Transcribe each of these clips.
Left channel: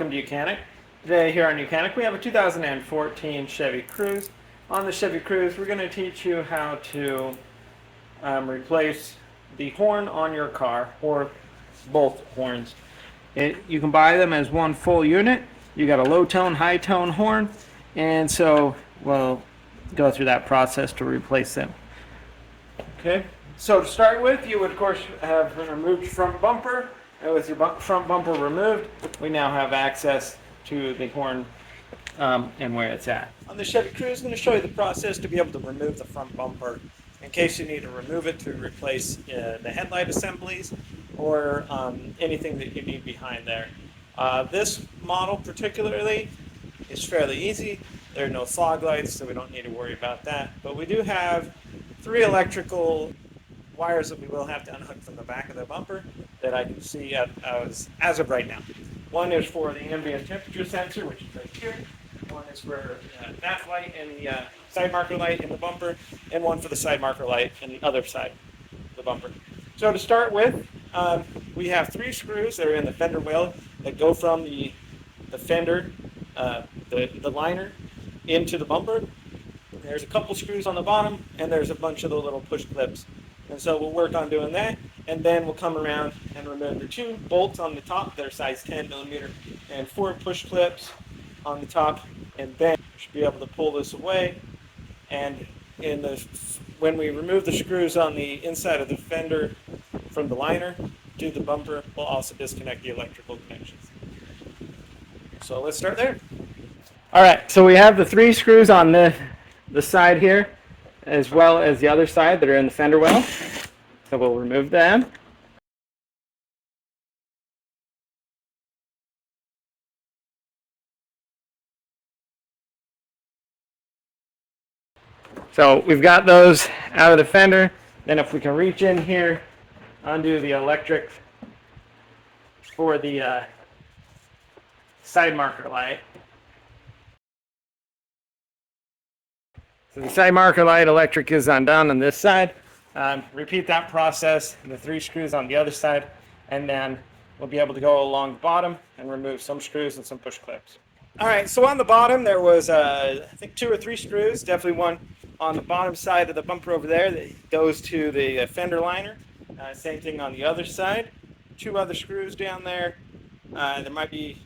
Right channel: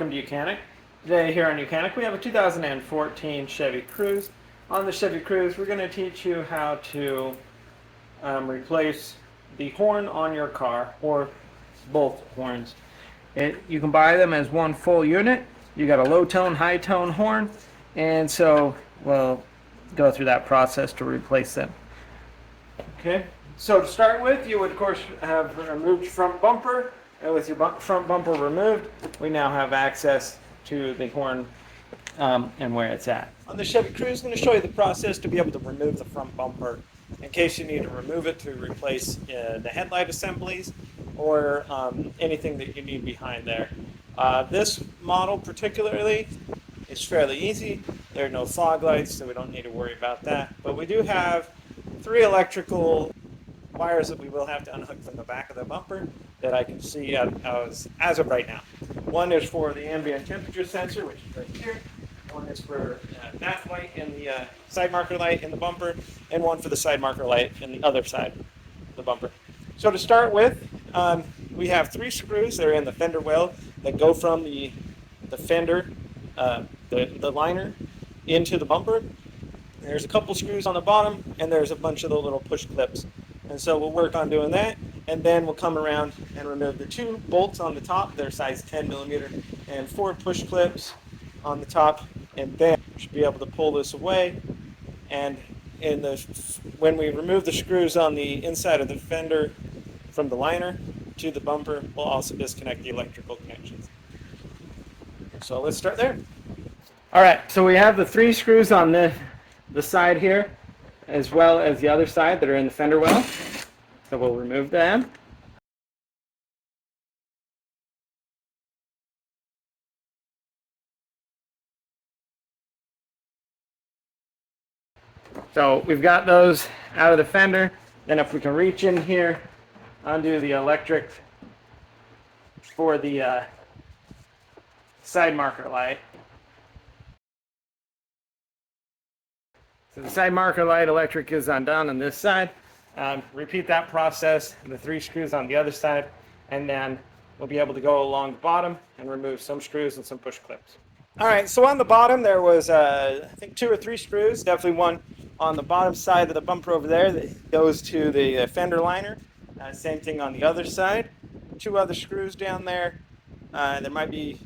Welcome to YOUCANIC. Today here on YOUCANIC we have a 2014 Chevy Cruze. On the Chevy Cruze we're going to teach you how to replace the horn on your car, or both horns. You can buy them as one full unit. You got a low tone, high tone horn, and so we'll go through that process to replace them. Okay, so to start with, you would of course have removed front bumper. And with your front bumper removed, we now have access to the horn and where it's at. On the Chevy Cruze, I'm going to show you the process to be able to remove the front bumper in case you need to remove it to replace the headlight assemblies or anything that you need behind there. This model particularly is fairly easy. There are no fog lights, so we don't need to worry about that. But we do have 3 electrical wires that we will have to unhook from the back of the bumper that I can see as of right now. One is for the ambient temperature sensor, which is right here. One is for that light and the side marker light in the bumper, and one for the side marker light in the other side of the bumper. So to start with, we have 3 screws that are in the fender well that go from the fender, the liner, into the bumper. There's a couple screws on the bottom, and there's a bunch of the little push clips. And so we'll work on doing that, and then we'll come around and remove the 2 bolts on the top. They're size 10 millimeter, and 4 push clips on the top, and then we should be able to pull this away. And when we remove the screws on the inside of the fender from the liner to the bumper, we'll also disconnect the electrical connections. So let's start there. All right, so we have the 3 screws on the side here, as well as the other side that are in the fender well. So we'll remove them. So we've got those out of the fender. Then if we can reach in here, undo the electric for the side marker light. So the side marker light electric is undone on this side. Repeat that process, the 3 screws on the other side, and then we'll be able to go along the bottom and remove some screws and some push clips. All right, so on the bottom there was I think 2 or 3 screws, definitely one on the bottom side of the bumper over there that goes to the fender liner. Same thing on the other side. 2 other screws down there. There might be,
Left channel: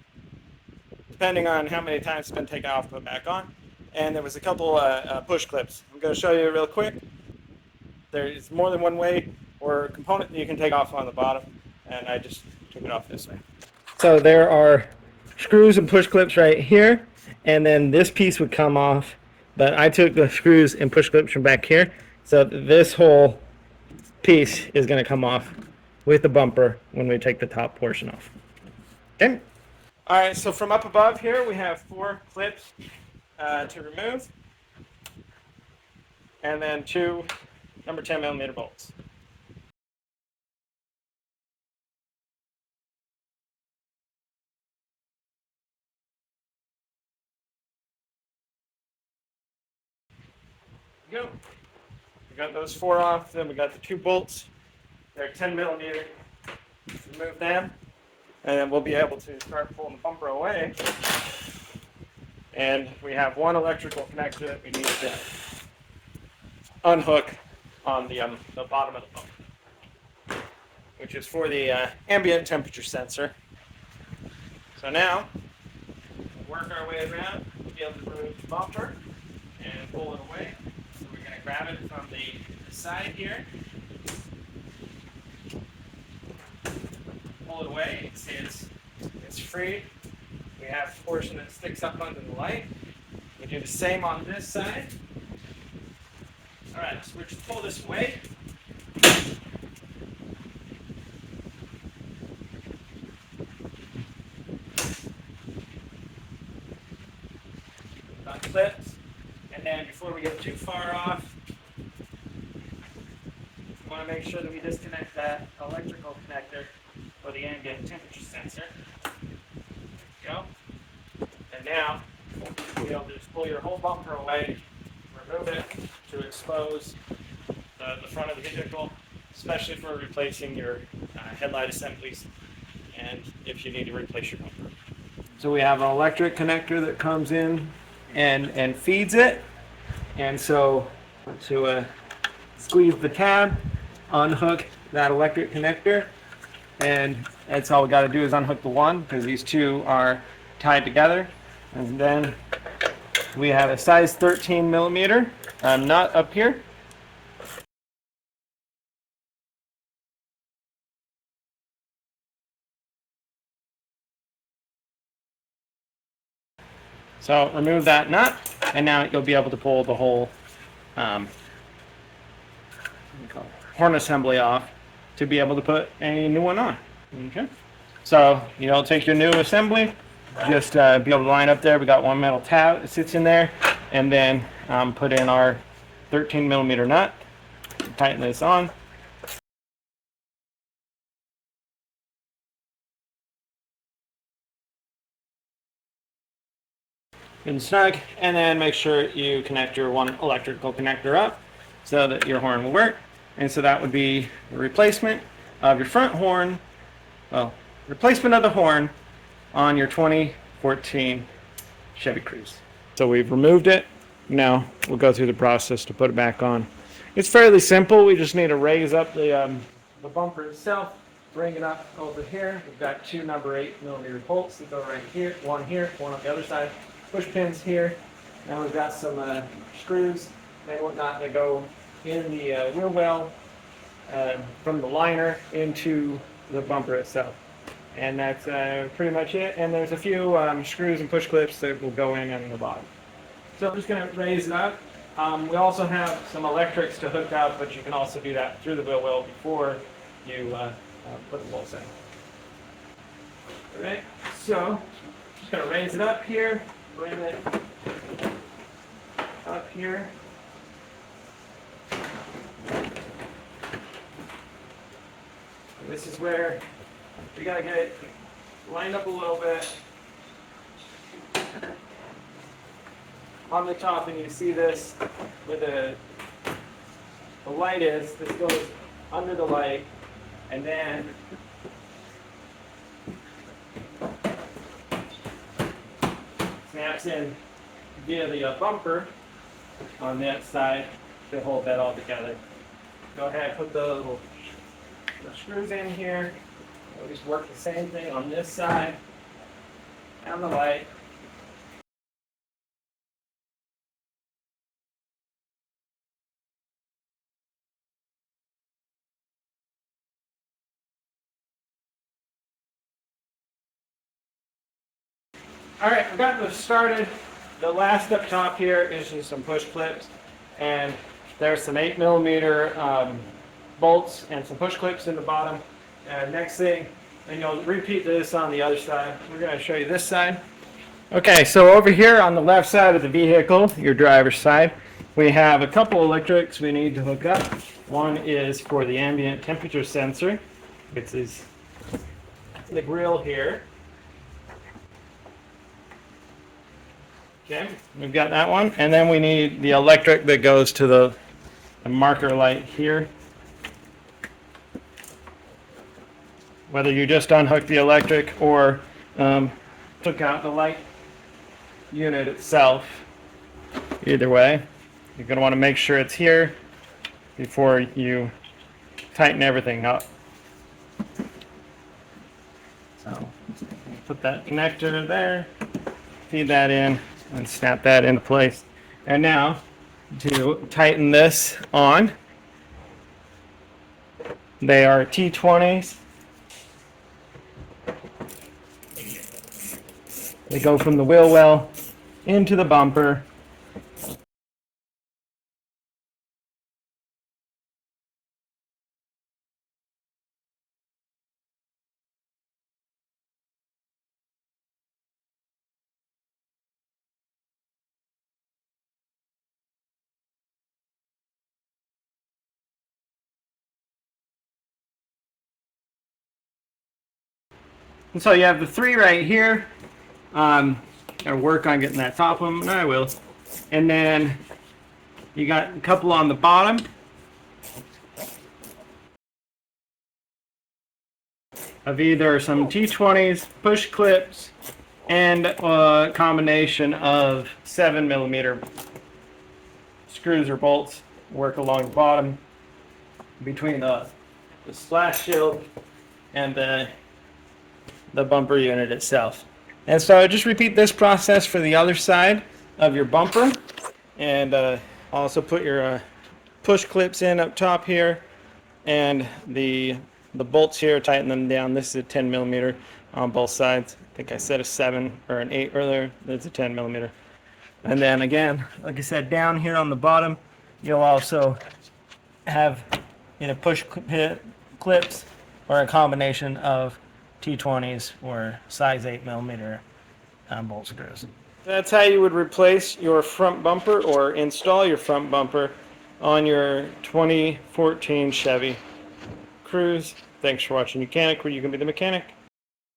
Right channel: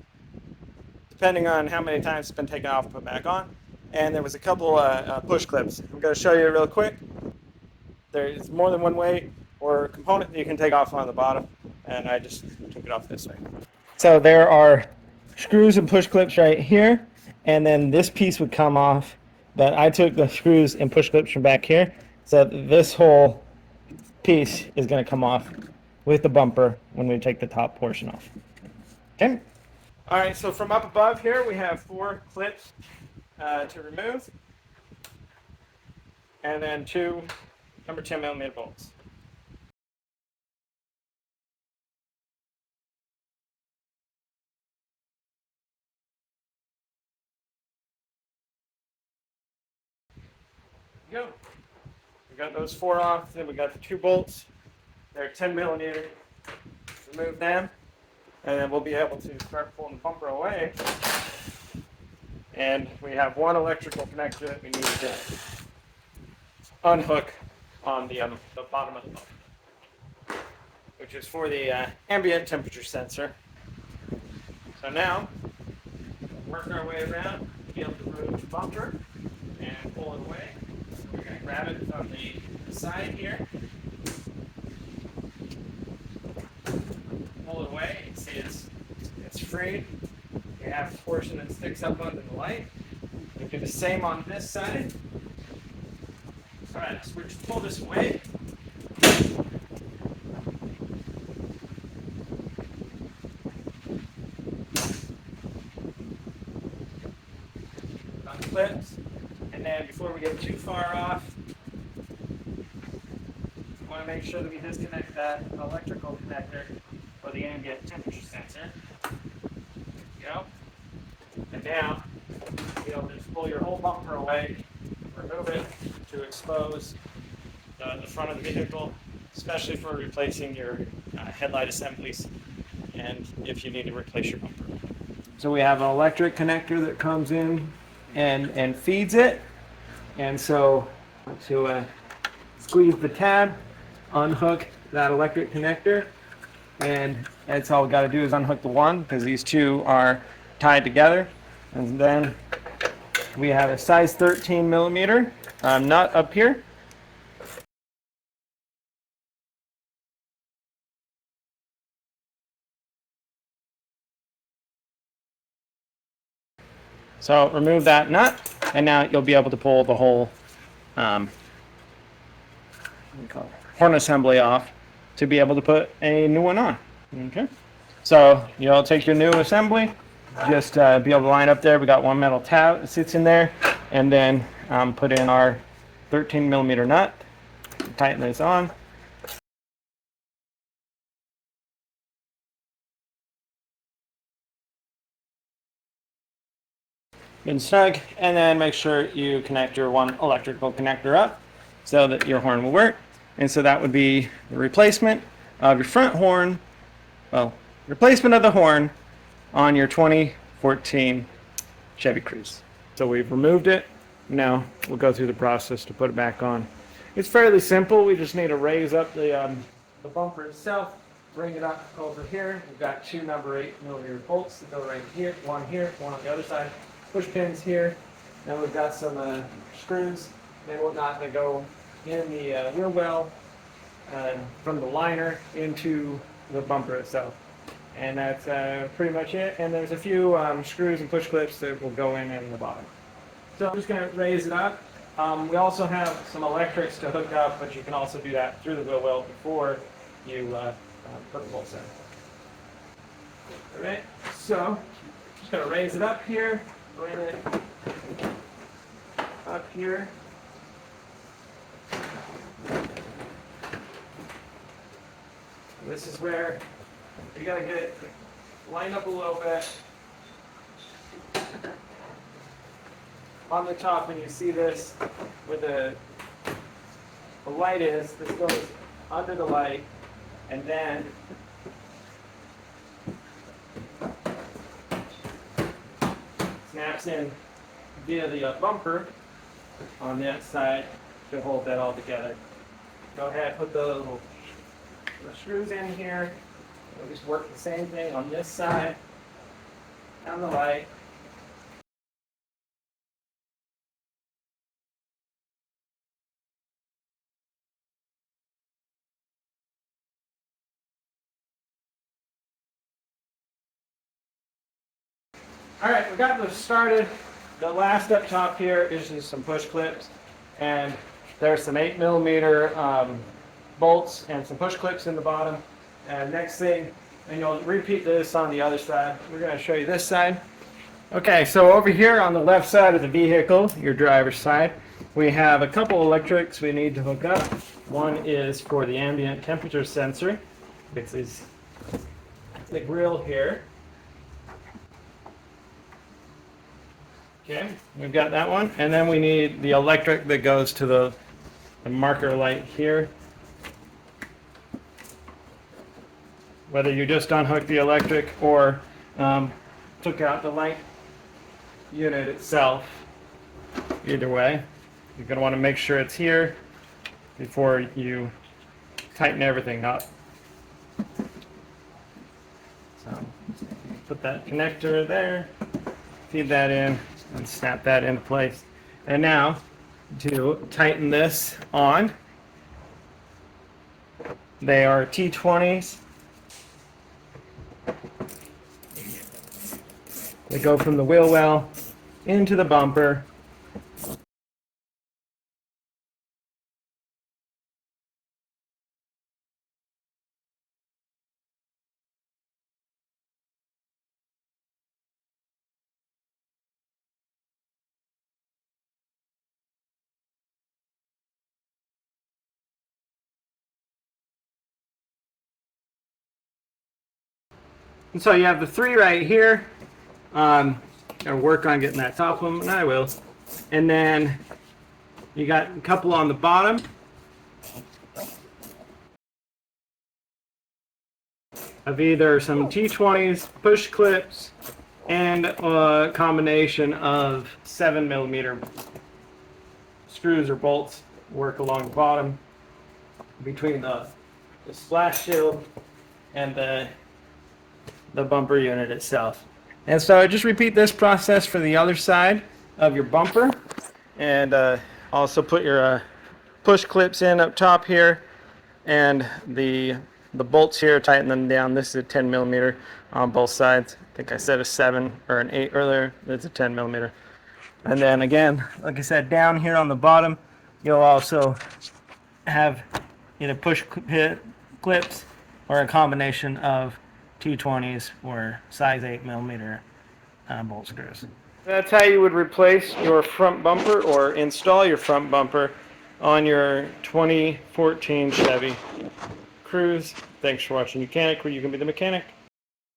depending on how many times it's been taken off and put back on. And there was a couple push clips. I'm going to show you real quick. There is more than one way or component that you can take off on the bottom, and I just took it off this way. So there are screws and push clips right here, and then this piece would come off, but I took the screws and push clips from back here, so this whole piece is going to come off with the bumper when we take the top portion off. Okay. All right, so from up above here we have 4 clips to remove, and then 2 number 10 millimeter bolts. There we go. We got those 4 off, then we got the 2 bolts. They're 10 millimeter. Remove them, and then we'll be able to start pulling the bumper away. And we have 1 electrical connection that we need to unhook on the bottom of the bumper, which is for the ambient temperature sensor. So now, we'll work our way around. We'll be able to remove the bumper and pull it away. We're going to grab it from the side here. Pull it away. You can see it's free. We have a portion that sticks up under the light. We do the same on this side. All right, so we're just pull this away. Unclips, and then before we get too far off, we want to make sure that we disconnect that electrical connector for the ambient temperature sensor. There you go. And now, you'll be able to just pull your whole bumper away, remove it to expose the front of the vehicle, especially for replacing your headlight assemblies and if you need to replace your bumper. So we have an electric connector that comes in and feeds it. And so to squeeze the tab, unhook that electric connector, and that's all we got to do is unhook the one because these two are tied together. And then we have a size 13 millimeter nut up here. So remove that nut, and now you'll be able to pull the whole horn assembly off to be able to put a new one on. Okay. So you'll take your new assembly, just be able to line up there. We got one metal tab that sits in there, and then put in our 13 millimeter nut. Tighten this on. Good snug, and then make sure you connect your one electrical connector up so that your horn will work. And so that would be a replacement of your front horn, well, replacement of the horn on your 2014 Chevy Cruze. So we've removed it. Now we'll go through the process to put it back on. It's fairly simple. We just need to raise up the bumper itself, bring it up over here. We've got two number 8 millimeter bolts that go right here, one on the other side. Push pins here. Now we've got some screws and whatnot that go in the wheel well from the liner into the bumper itself. And that's pretty much it. And there's a few screws and push clips that will go in the bottom. So I'm just going to raise it up. We also have some electrics to hook up, but you can also do that through the wheel well before you put the bolts in. All right, so just going to raise it up here. Bring it up here. And this is where you got to get it lined up a little bit on the top, and you see this where the light is. This goes under the light, and then snaps in via the bumper on that side to hold that all together. Go ahead, put the little screws in here. We'll just work the same thing on this side, on the light. All right, we've got this started. The last up top here is just some push clips, and there's some 8 millimeter bolts and some push clips in the bottom. And next thing, and you'll repeat this on the other side. We're going to show you this side. Okay, so over here on the left side of the vehicle, your driver's side, we have a couple electrics we need to hook up. One is for the ambient temperature sensor. It's this grill here. Okay, we've got that one, and then we need the electric that goes to the marker light here. Whether you just unhook the electric or took out the light unit itself, either way, you're going to want to make sure it's here before you tighten everything up. So put that connector there, feed that in, and snap that into place. And now to tighten this on, they are T20s. They go from the wheel well into the bumper. And so you have the 3 right here. Gotta work on getting that top one, and I will. And then you got a couple on the bottom of either some T20s, push clips, and a combination of 7mm screws or bolts work along the bottom between the splash shield and the bumper unit itself. And so just repeat this process for the other side of your bumper, and also put your push clips in up top here, and the bolts here, tighten them down. This is a 10mm on both sides. I think I said a 7 or an 8 earlier. That's a 10mm. And then again, like I said, down here on the bottom, you'll also have either push clips or a combination of T20s or size 8mm bolt screws. That's how you would replace your front bumper or install your front bumper on your 2014 Chevy Cruze. Thanks for watching YOUCANIC, where you can be the mechanic.